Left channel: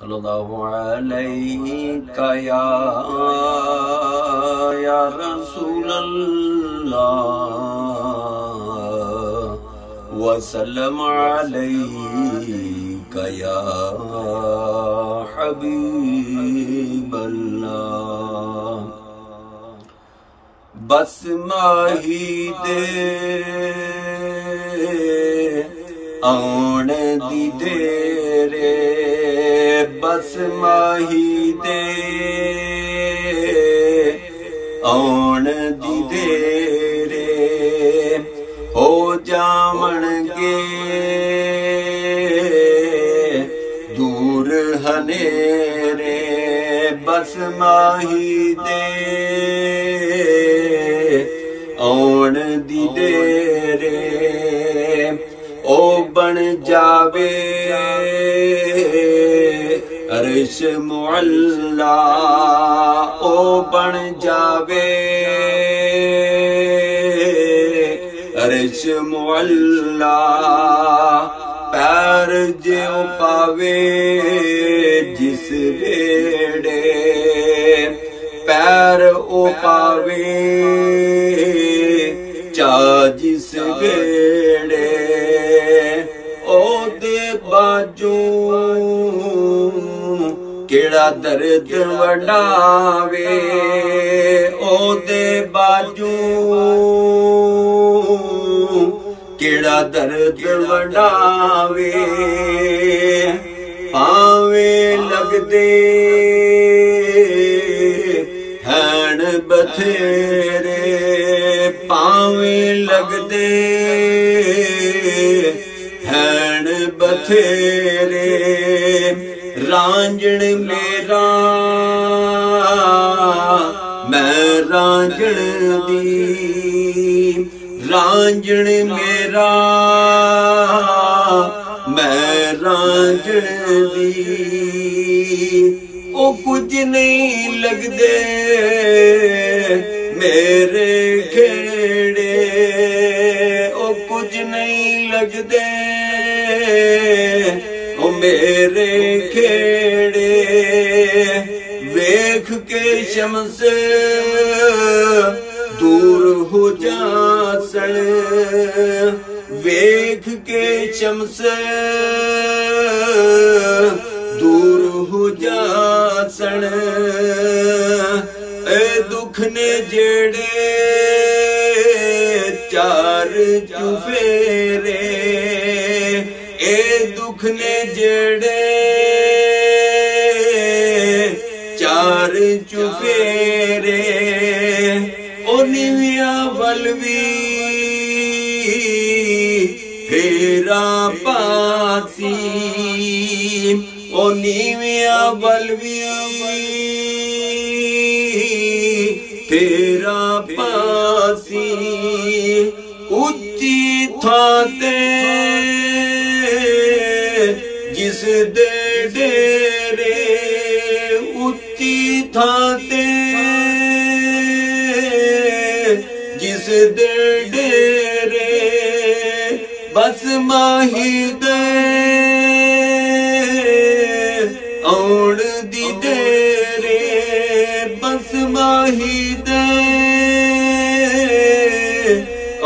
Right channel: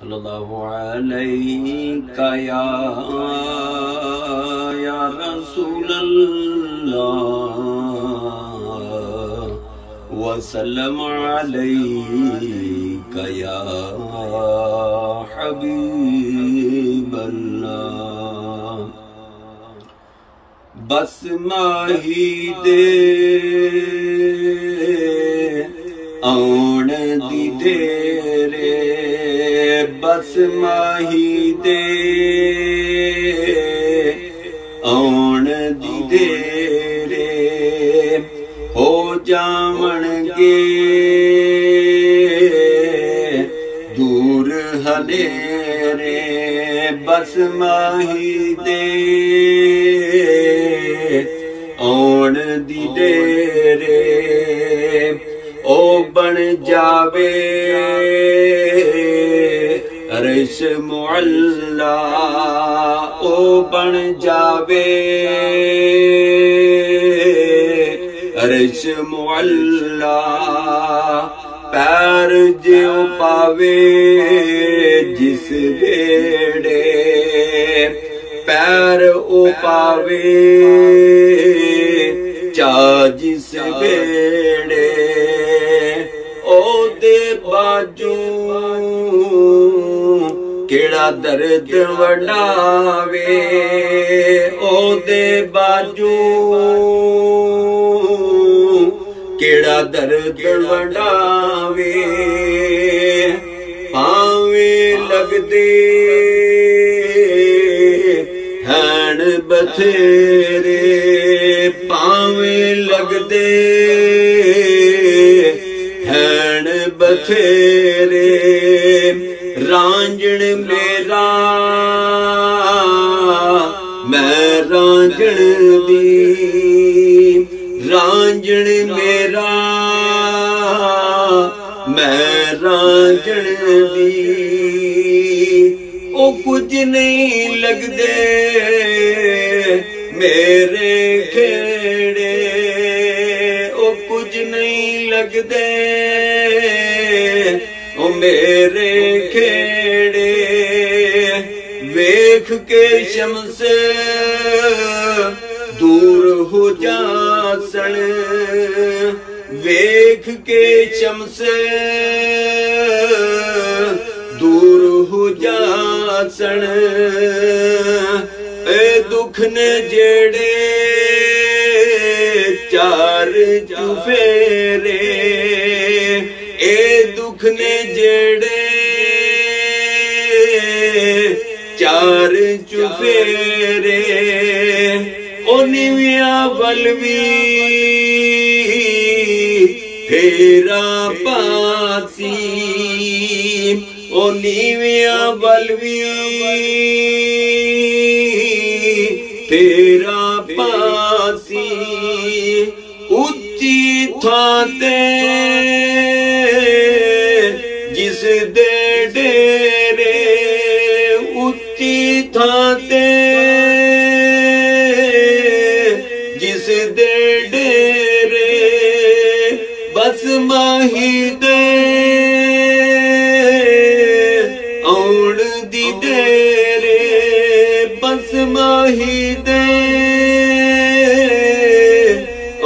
सल्लल्लाहु अलैका या रसूलल्लाह वसल्लम अलैका या हबीबल्लाह। बस माही दे आउण दी देरे, बस माही दे आउण दी देरे, हो जावणगे दूर हनेरे। बस माही दे आउण दी देरे, ओ बन जावे अर्श मुअल्ला, ओ बन जावे अर्श मुअल्ला। पैर ज्यों पावे जिस बेड़े, पैर ओ पावे चा जिस बेड़े, ओ दे बाजू केड़ा दर्द वडावे, ओ दे बाजू केड़ा दर्द वडावे। पावे लगदे हैन बथेरे, पावे लगदे हैन बथेरे। रांझण मेरा मैं रांझण दी, रांझण मेरा मैं रांझण दी। ओ कुछ नहीं लगदे मेरे खेड़े, ओ कुछ नहीं लगदे ओ मेरे खेड़े। वेख के शम्स दूर हो जासन, वेख के शम्स दूर हो जासन। ए दुख ने जेड़े चार चुफेरे, ए दुख ने जेड़े चार चुफेरे। ओ निविया बलवी फेरा पासी, ओ नीविया बलवी फेरा पासी। उच्ची थां ते जिस दे डेरे, उच्ची थां ते जिस दे डेरे। बस माही दे आउण दी देरे, बस माही दे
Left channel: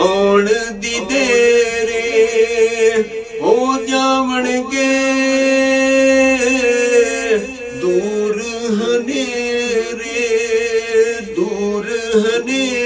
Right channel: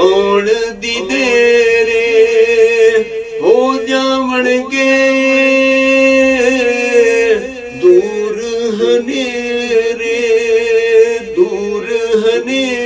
आउण दी देरे। हो जावणगे दूर हनेरे, दूर हनेरे।